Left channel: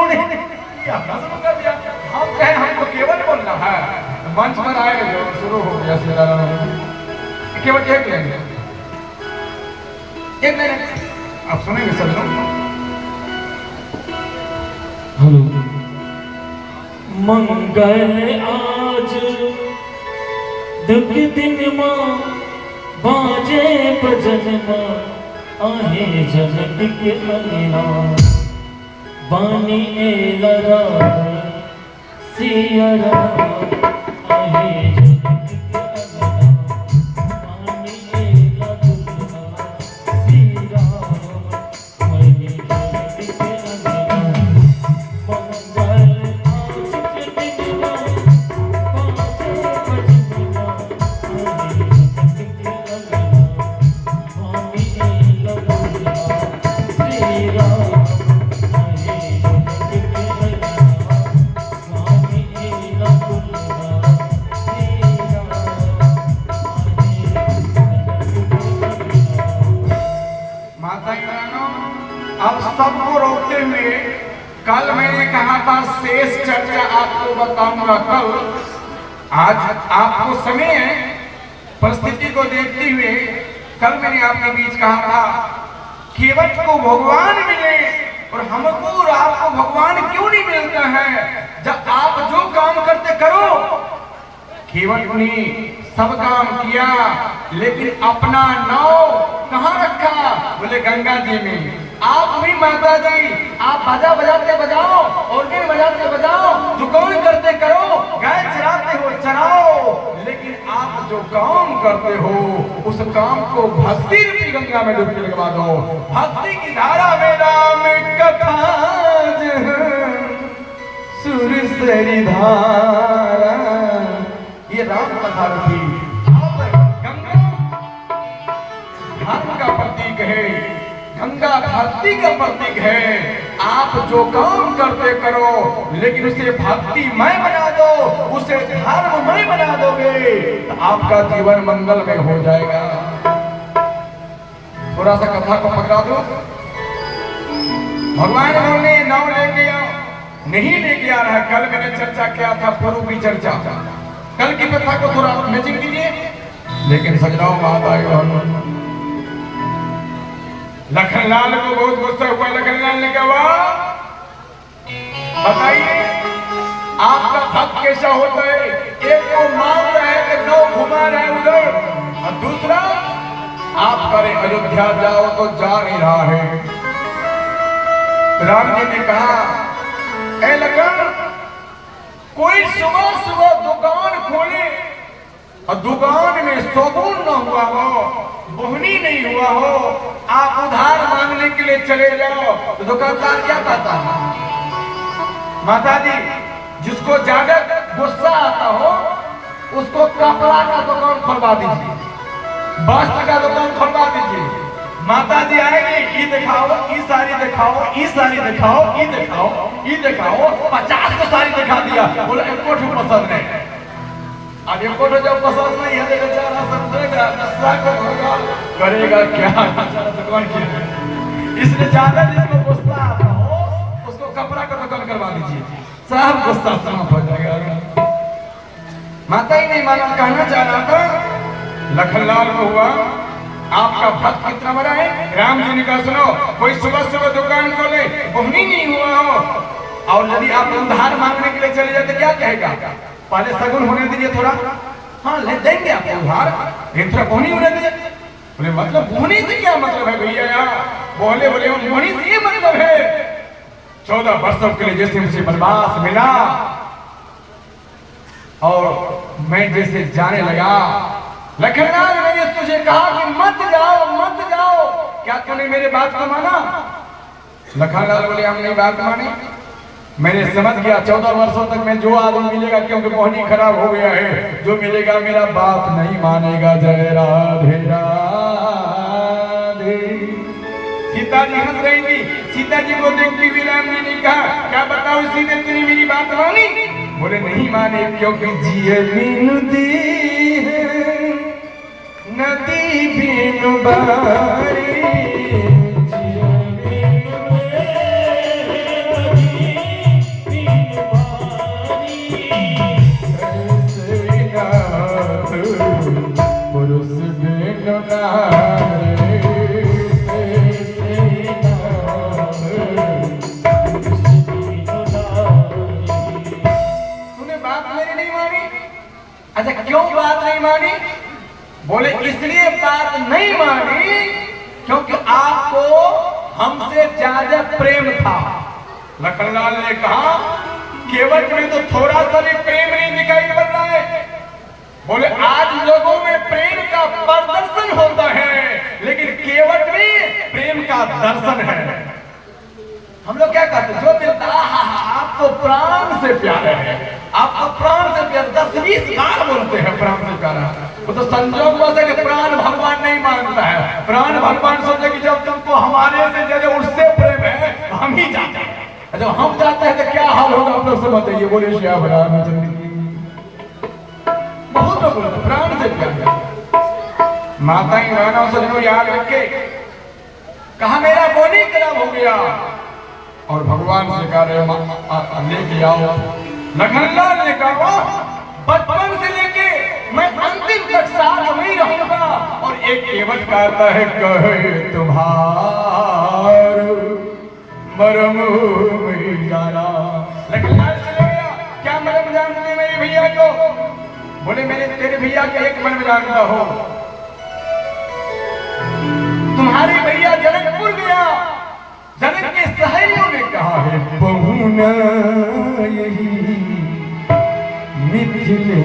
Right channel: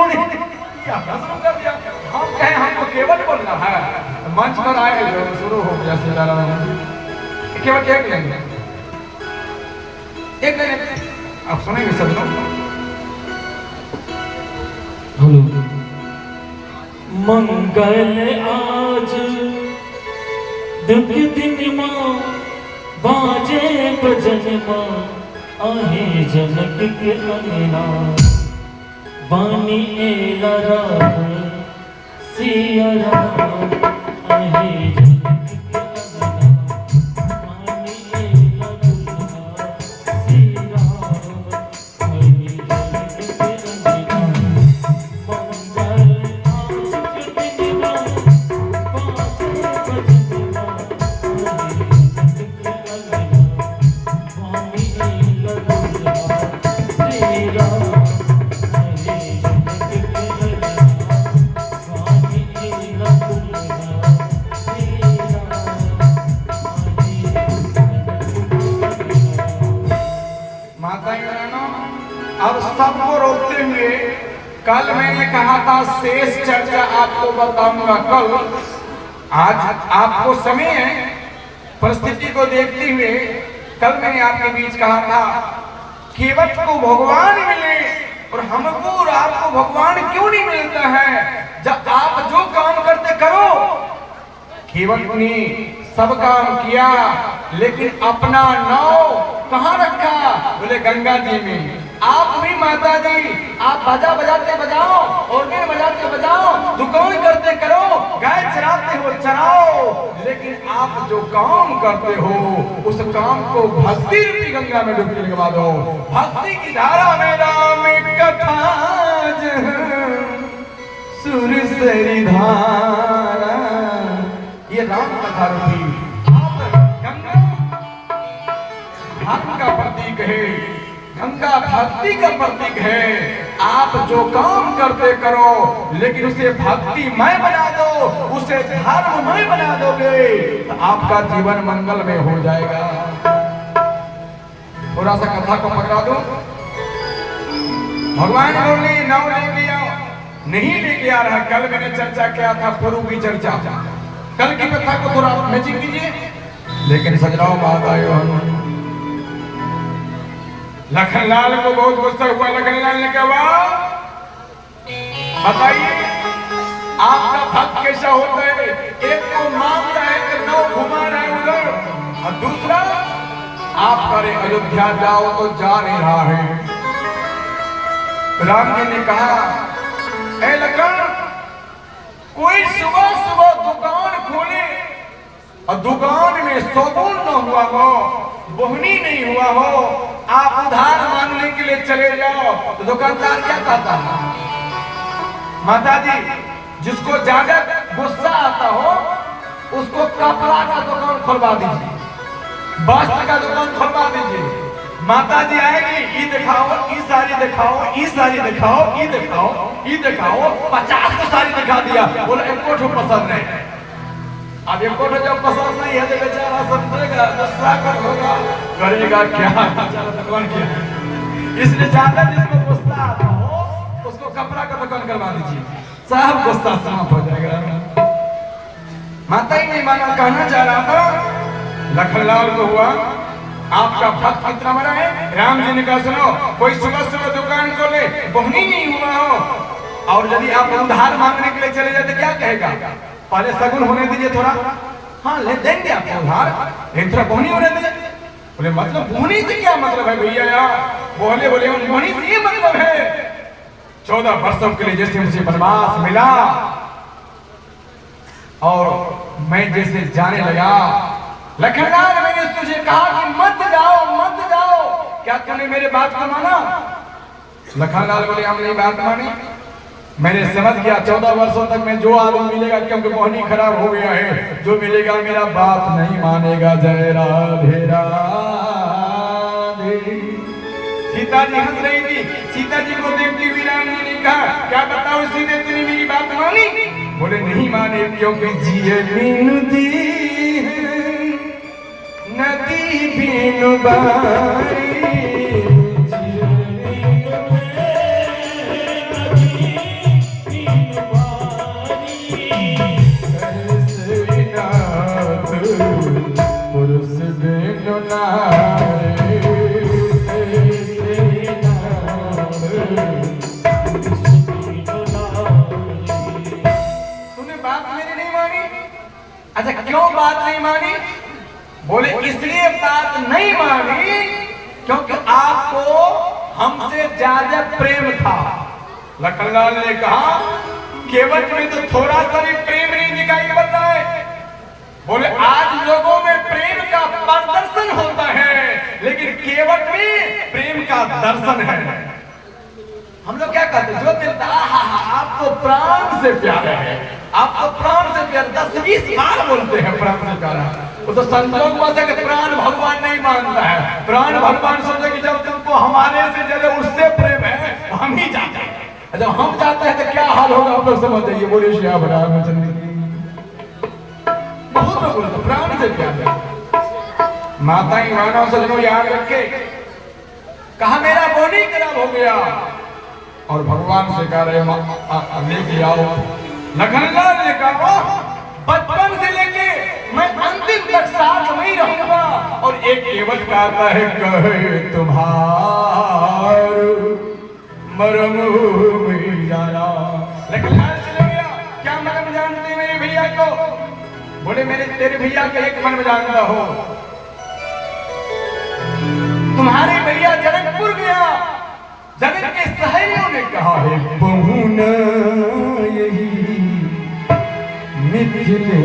छोड़ ही हम कहें हमको केवल बोलना है, मंच पर आए शुरू हो गया केवल एक लेंगे, एक लेंगे। आप सुनेंगे सब लोग। मंगल आज दुख दिन माँ बाजे भजन माँ आहे जनक के अंगना बानी एला राम सिया राम आहे जनक के अंगना बानी एला दुल्हा सिया राम आहे जनक के अंगना मंगल आज के दिन माँ बाजे भजन माँ आहे जनक के अंगना बानी एला दुल्हा सिया कल मैंने कहा था शेष चर्चा आपको बताऊंगा कल। आज आपको समय है, परिस्थिति को देखते हुए कल मैंने आपके बीच कहा था केवट को भगवान मिले और हमको और आपको भगवान क्यों नहीं मिलता है? जब आप जो काम करते करो। केवट ने सब काम किया लेकिन अपना नाव कहाँ रखा? बोले गंगा जी में। आप भी माता जी, आप बाजा बजाते बजाओ, ऑर्गन बजाते बजाओ, दुकान करते करो, गाय चराते हो चराओ, लेकिन आप जो काम करते हो उस काम को भक्ति रूपी गंगा में डुबकी लगवा दो। भक्ति की धारा में राम कथा सुरसरी धारा, ये राम कथा रूपी गंगा धर्म का प्रतीक है, गंगा भक्ति का प्रतीक है। आप जो काम करते करो लेकिन उसे भक्तिमय बना दो, उसे धर्ममय बना दोगे तो आपका जीवन मंगल में हो जाएगा। थोड़ा सा कथा को पकड़ा दो। भगवान बोले नाव लेके आओ, नहीं लेके आ रहा। कल मैंने चर्चा किया था, पूर्व की चर्चा, कल की कथा को थोड़ा मैचिंग कीजिए। लेकिन सजनाओं बात आयो, लखनलाल को बहुत गुस्सा हुआ। लखनलाल ने कहा बताइए आपका भक्त कैसा होता है? एक को मार रहा है कि नौ घुमा रहा है उधर, और दूसरा आप करे अयोध्या जाओ तो जा नहीं रहा है। राम जी ने कहा ए लखन, कोई सुबह सुबह दुकान खोले और दुकान में शगुन न हुआ हो, बोहनी नहीं हुआ हो, आप उधार मांगने के लिए चले जाओ तो दुकानदार क्या कहता है? माता जी, जिसको ज्यादा गुस्सा आता हो उसको कपड़ा का दुकान खुलवा दीजिए, वस्त्र का दुकान खुलवा दीजिए। माता जी आएगी, ये दिखाओ, ये साड़ी दिखाओ, ये साड़ी दिखाओ, ये दिखाओ, ये दिखाओ, 50 को साड़ी दिखा दिया। बोला एक कोठ पसंद नहीं। अब एक कोठ जब पसंद नहीं है तो बेचारा समझेगा, गुस्सा करेगा, करेगा क्या? बेचारा दुकान क्या है? इसलिए ज्यादा जिसको गुस्सा आता हो उसको कपड़ा का दुकान करवा दीजिए, सब गुस्सा समाप्त हो जाएगा। माता ही नहीं माना, कहना चाह रहा था लखनलाल को हुआ आपका भक्त कितना बड़ा है। राम जी ने कहा सुनो, कोई सुबह सुबह दुकान खोले, बोहनी नहीं हुआ हो और यदि आप उधार मांगने के लिए चले जाते क्या कहेगा? पहले सगुन होने दीजिए थोड़ा, हाँ ले देंगे आपको उधार, लेकिन थोड़ा बोहनी होने दीजिए। बोले मतलब बोहनी से क्या मतलब है भैया? बोले बोहनी से ये मतलब है 14 वर्षों के लिए जैसे मुझे वनवास मिला और मैं जैसे जाने लगा, लखनलाल मैंने तुझे कहा कि मत जाओ, क्या तूने मेरे बात को माना? लखनलाल बोले हम नहीं बात मानी, मैंने समझ गया 14 वर्षों तक में जो आदमी मिलेगा, क्योंकि मोहनी खराब हो गया है, जो मिलेगा मेरा बात नहीं मानेगा। जय राधे राधे। सीता जी हंस रही थी, सीता जी को देखती हुई राम जी ने कहा क्या बताओ इसी ने तेरी मेरी बात मानी? बोले नहीं माने, क्योंकि जिए बिनु दी नदी बिनु बारी, जिए बिनु बात नहीं मानी? बोले इसलिए बात नहीं मानी क्योंकि आपको हमसे ज्यादा प्रेम था। लखनलाल ने कहा केवट में तो थोड़ा सा भी प्रेम नहीं दिखाई पड़ रहा है। बोले आज लोगों में प्रेम का प्रदर्शन होता है लेकिन केवट में प्रेम का दर्शन है। हम लोग क्या करते जो मिलता आप तो प्राण से प्यारे हैं, आप तो प्राण से प्यारे 10-20 बार बोलते हैं प्राण से प्यारा। वो तो संजोग में से प्राण भगवान नहीं मानता है। प्राण भगवान सोचते कि जब तुमको हमारे से ज्यादा उससे प्रेम है हम ही जाते हैं। जब हम जाते हैं तो क्या हाल होगा आप लोग समझ जाइए। बोले श्याम रामचंद्र की बहुत लोग बोलते प्राण से प्यार। माताएं मानव सजनों याद रखे कहा मेरा बॉडी खराब हो गया और भगवान से कह रहे लेके आओ। लखनलाल ने कहा बचपन से लेके मैं अंतिम तक साथ नहीं रहूंगा। और एक केवट कहता है कहे तुम्हार मरम में जाना। लखनलाल चले गया क्या मरम जानती मेरे भैया को? बोले मेरे तेरे भैया के एक मन जानता हो। तुम्हारे भैया जनकपुर गया, जनक के सहेलियों ने कहा है बहुना यही मिथिले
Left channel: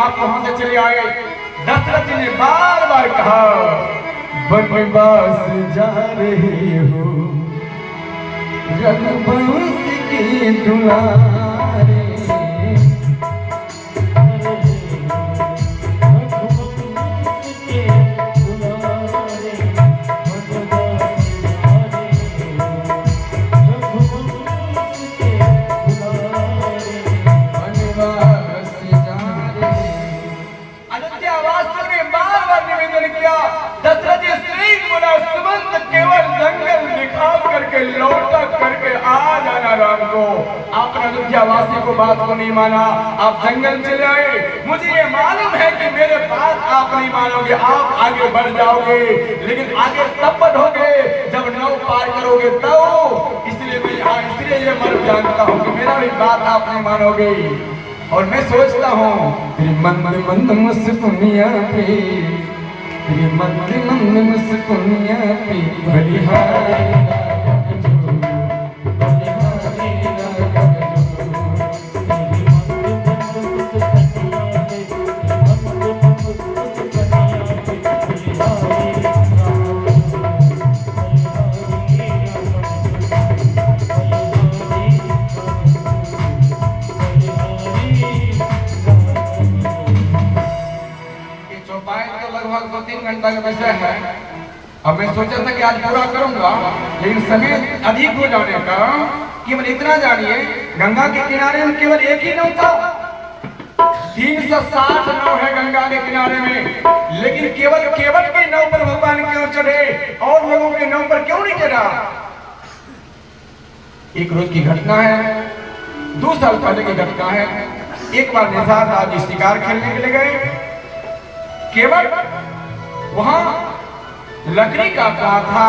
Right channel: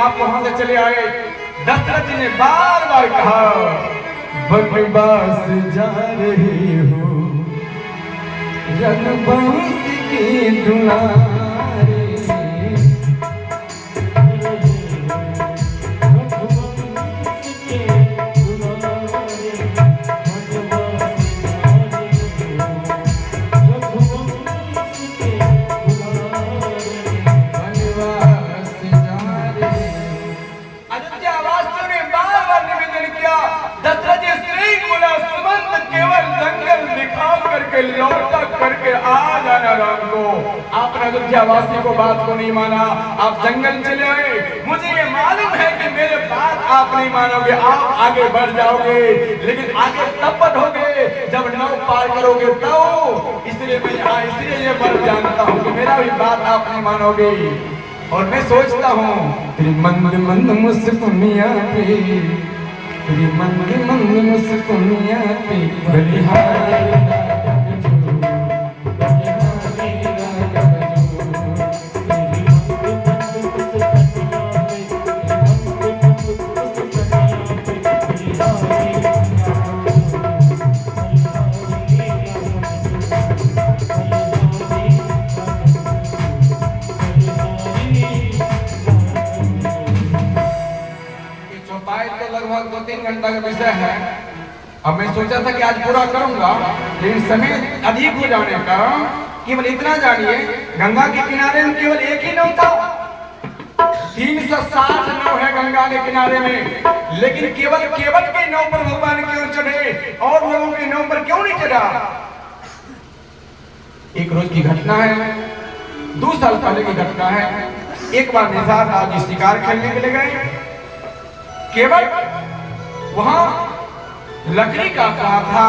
आप वहां से चले आए। दशरथ जी ने बार बार कहा वनवास जा रही हो रघुवंश की दुलारी। लौटा करके आ जाना राम को। आपने अयोध्यावासी को बात को नहीं माना, आप जंगल चले आए। मुझे ये मालूम है कि मेरे बात आप नहीं मानोगे, आप आगे बढ़ जाओगे लेकिन आगे तब बढ़ोगे जब नौ पार करोगे तब। इसलिए मैं यहाँ इसलिए ये बात जानता हूँ कि मेरा भी बात आप नहीं मानोगे। और मैं सोचता हूँ तेरी मंद मंद मुस्कुनिया पे, तेरी मंद मंद मुस्कुनिया पे बलिहार का विषय है। अब मैं सोचा था कि आज पूरा करूंगा लेकिन समय अधिक हो जाने का केवल इतना जानिए गंगा के किनारे में केवल एक ही नाव था। 360 नाव है गंगा के किनारे में लेकिन केवल केवट के नाव पर भगवान क्यों चढ़े और लोगों के नाव पर क्यों नहीं चढ़ा? एक रोज की घटना है, 2 साल पहले की घटना है। एक बार निषाद आदि शिकार खेलने के लिए गए। केवट वहां लकड़ी का कहा था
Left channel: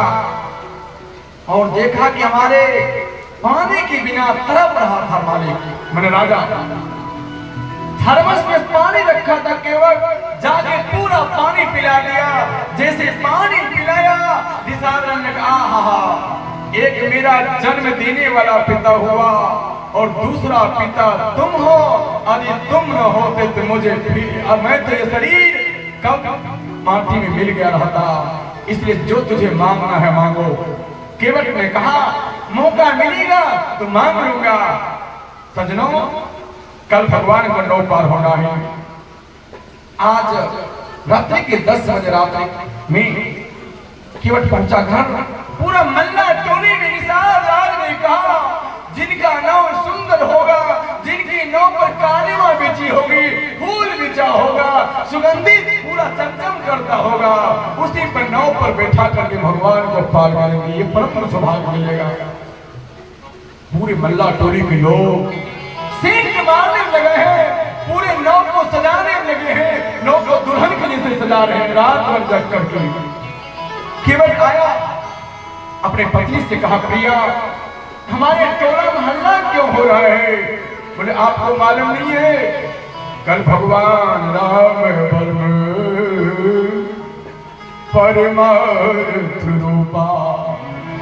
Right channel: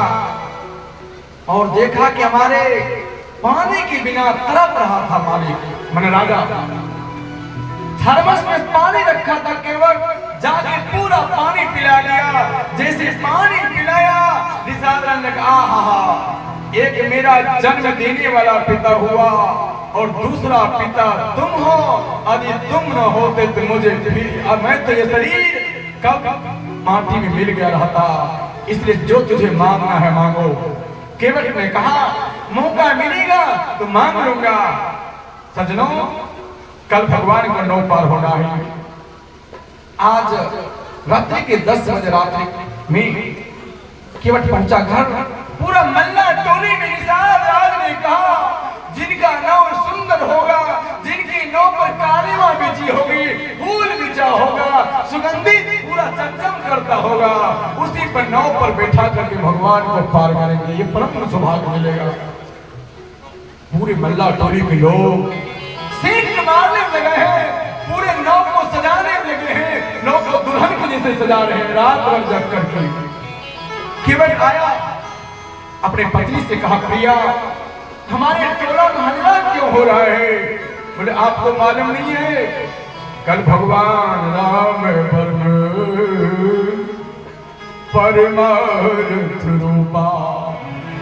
और देखा कि हमारे पानी के बिना तड़प रहा था मालिक मैंने राजा। थर्मस में पानी रखा था, केवल जाके पूरा पानी पिला लिया। जैसे पानी पिलाया निषाद ने कहा एक मेरा जन्म देने वाला पिता हुआ और दूसरा पिता तुम हो। यदि तुम न होते तो मुझे मैं तो ये शरीर कब माटी में मिल गया रहता। इसलिए जो तुझे मांगना है मांगो। केवट ने कहा मौका मिलेगा तो मांग लूंगा। सजनों कल भगवान का नौ पार होना है। आज रात्रि के 10 बजे रात्रि में केवट पहुंचा घर। पूरा मल्ला टोली में निषाद राज ने कहा, जिनका नाव सुंदर होगा, जिनकी नाव पर कालीमा बिछी होगी, फूल बिछा होगा, सुगंधित पूरा चमचम करता होगा, उसी पर नाव पर बैठा करके भगवान को पार करेंगे, ये परम सौभाग्य मिलेगा। पूरे मल्ला टोली के लोग सीख मारने लगे हैं, पूरे नाव को सजाने लगे हैं, नाव को दुल्हन के जैसे सजा रहे हैं, रात भर जग करके। केवट आया, अपने पति से कहा, प्रिया हमारे टोला मोहल्ला क्यों हो रहा है? बोले आपको मालूम नहीं है, कल भगवान राम परमार्थ रूपा,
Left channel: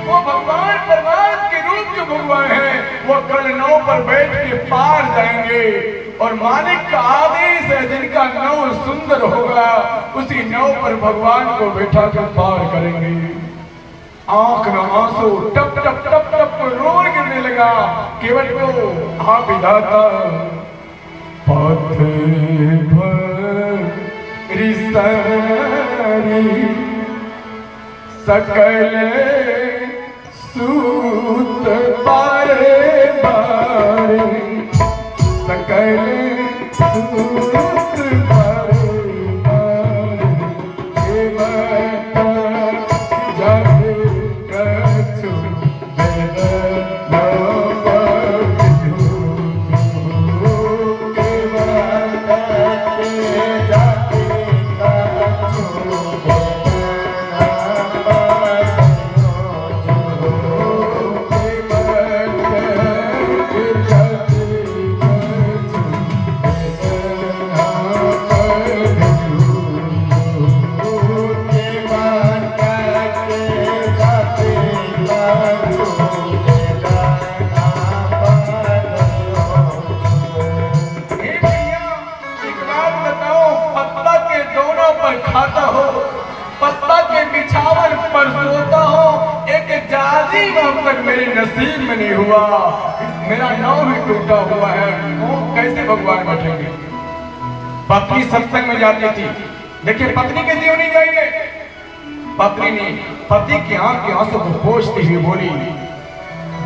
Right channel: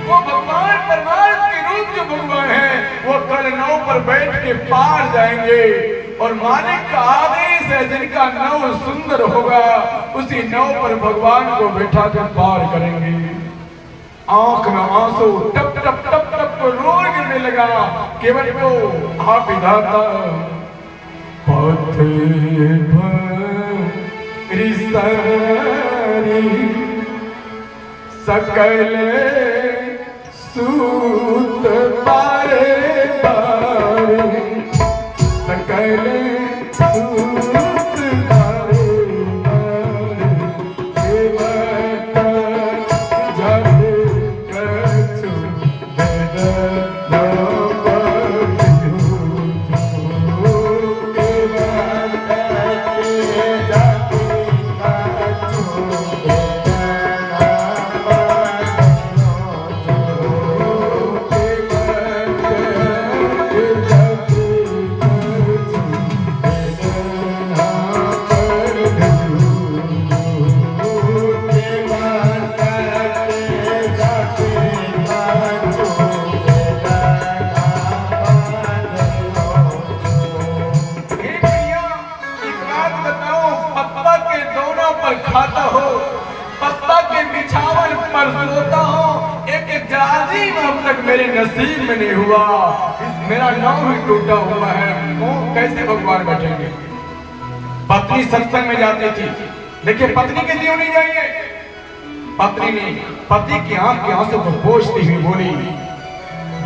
वो भगवान परमार्थ के रूप जो भगवान है, वो कल नाव पर बैठ के पार जाएंगे और मालिक का आदेश है, जिनका नाव सुंदर होगा उसी नाव पर भगवान को बैठा कर पार करेंगे। आंख में आंसू टप टप टप टप को रोल गिरने लगा। केवट को आप विधाता पथ भरी सकल सूत बारे बारे, सकल सूत बारे बारे, जाने कछु मेरे नसीब में नहीं हुआ, मेरा नाम ही टूटा हुआ है, वो कैसे भगवान बैठेंगे। पत्नी सत्संग में जाती थी, देखिए पत्नी कैसी होनी चाहिए। पत्नी ने पति की आंख के आंसू को पोंछती हुई बोली,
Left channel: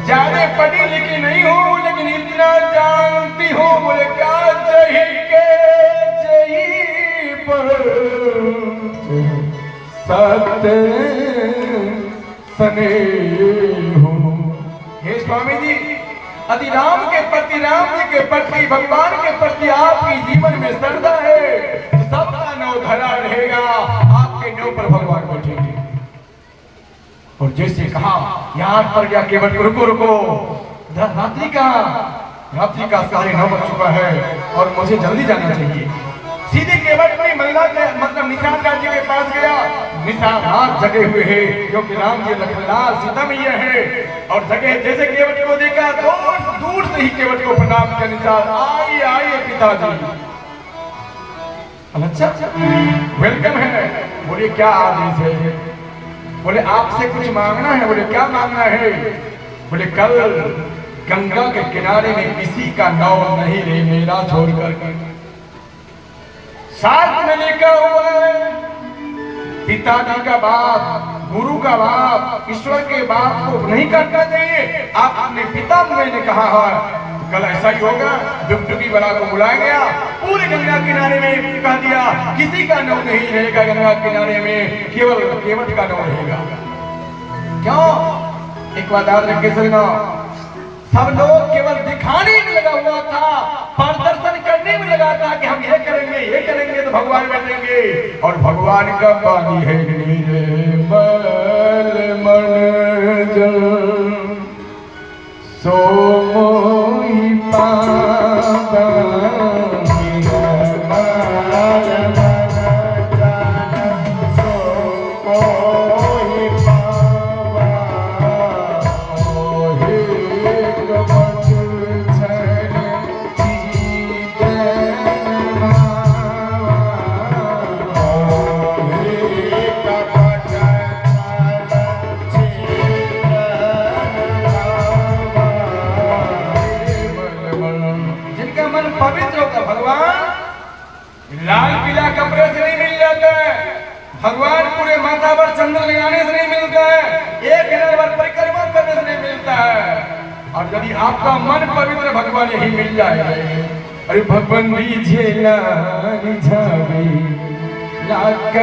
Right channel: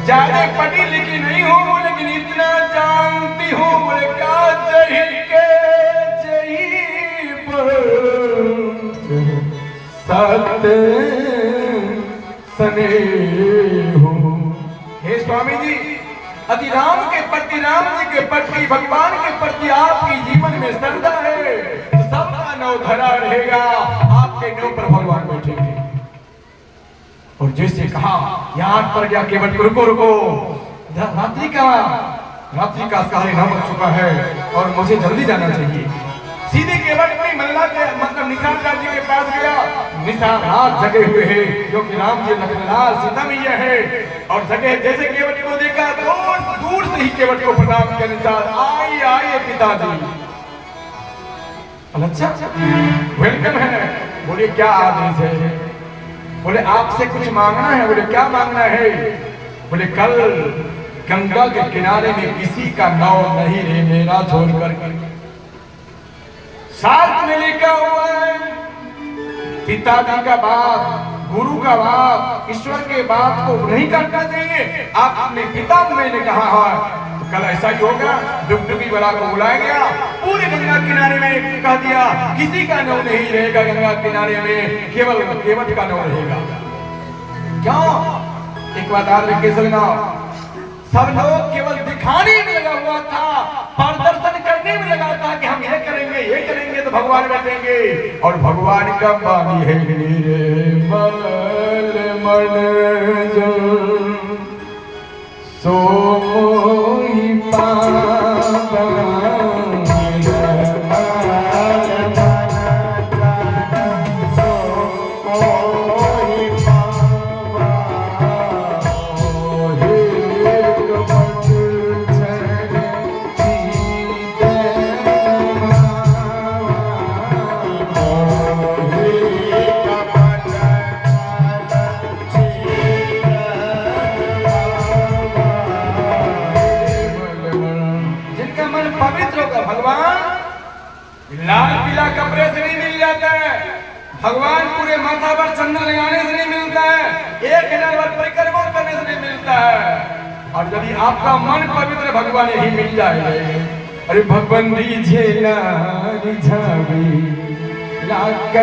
ज्यादा पढ़ी लिखी नहीं हो लेकिन इतना जानती हो, बोले क्या चाहिए सत्य सने हो। हे स्वामी जी, अति राम के प्रति, राम जी के प्रति, भगवान के प्रति आपकी जीवन में श्रद्धा है, सबका नव धरा रहेगा, आपके नव पर भगवान बैठेंगे। और जैसे कहा यहाँ पर गया केवट, रुको रुको, रात्रि का साढ़े 9 बज चुका है और मुझे जल्दी जाना चाहिए। सीधे केवट में मल्ला के मतलब निशान राज जी के पास गया। निशान हाथ जगे हुए हैं, क्योंकि राम जी लखनलाल सीता मैया है, और जगह जैसे केवट को देखा तो दूर से ही केवट को प्रणाम कर निशान, आइए आइए पिताजी। अच्छा वेलकम है। बोले क्या आदेश है? बोले आपसे कुछ मांगना है। बोले क्या मांगना है? बोले कल गंगा के किनारे में किसी का नाव नहीं रहे, मेरा छोड़कर। शास्त्र में लिखा हुआ है, पिताजी का बात, गुरु का बात, ईश्वर के बात को नहीं करना चाहिए। आप अपने पिता मैंने कहा है, तो कल ऐसा ही होगा। डुबडुबी वाला को बुलाया गया, पूरे गंगा किनारे में कह दिया किसी का नाव नहीं रहेगा, गंगा किनारे में केवल केवट का नाव रहेगा। क्यों? एक बात याद रखिए सजना, सब लोग केवल दिखाने में लगा हुआ था, प्रदर्शन करने में लगा था कि हम ये करेंगे तो भगवान बनेंगे। और भगवान का पानी है निर्मल मन जल, सो मोहि पावा लाल पीला कपड़े से नहीं मिल जाता भगवान पूरे माथा पर चंद्र लगाने से नहीं मिलता है, 1000 बार परिक्रमा करने से नहीं मिलता है। और यदि आपका मन पवित्र भगवान यही मिल जाए, अरे भगवान दीजिए रिझावे लाख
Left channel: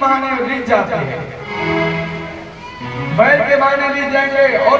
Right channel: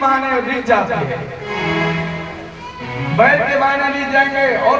बहाने नहीं जाते हैं, बैल के बहाने नहीं जाएंगे और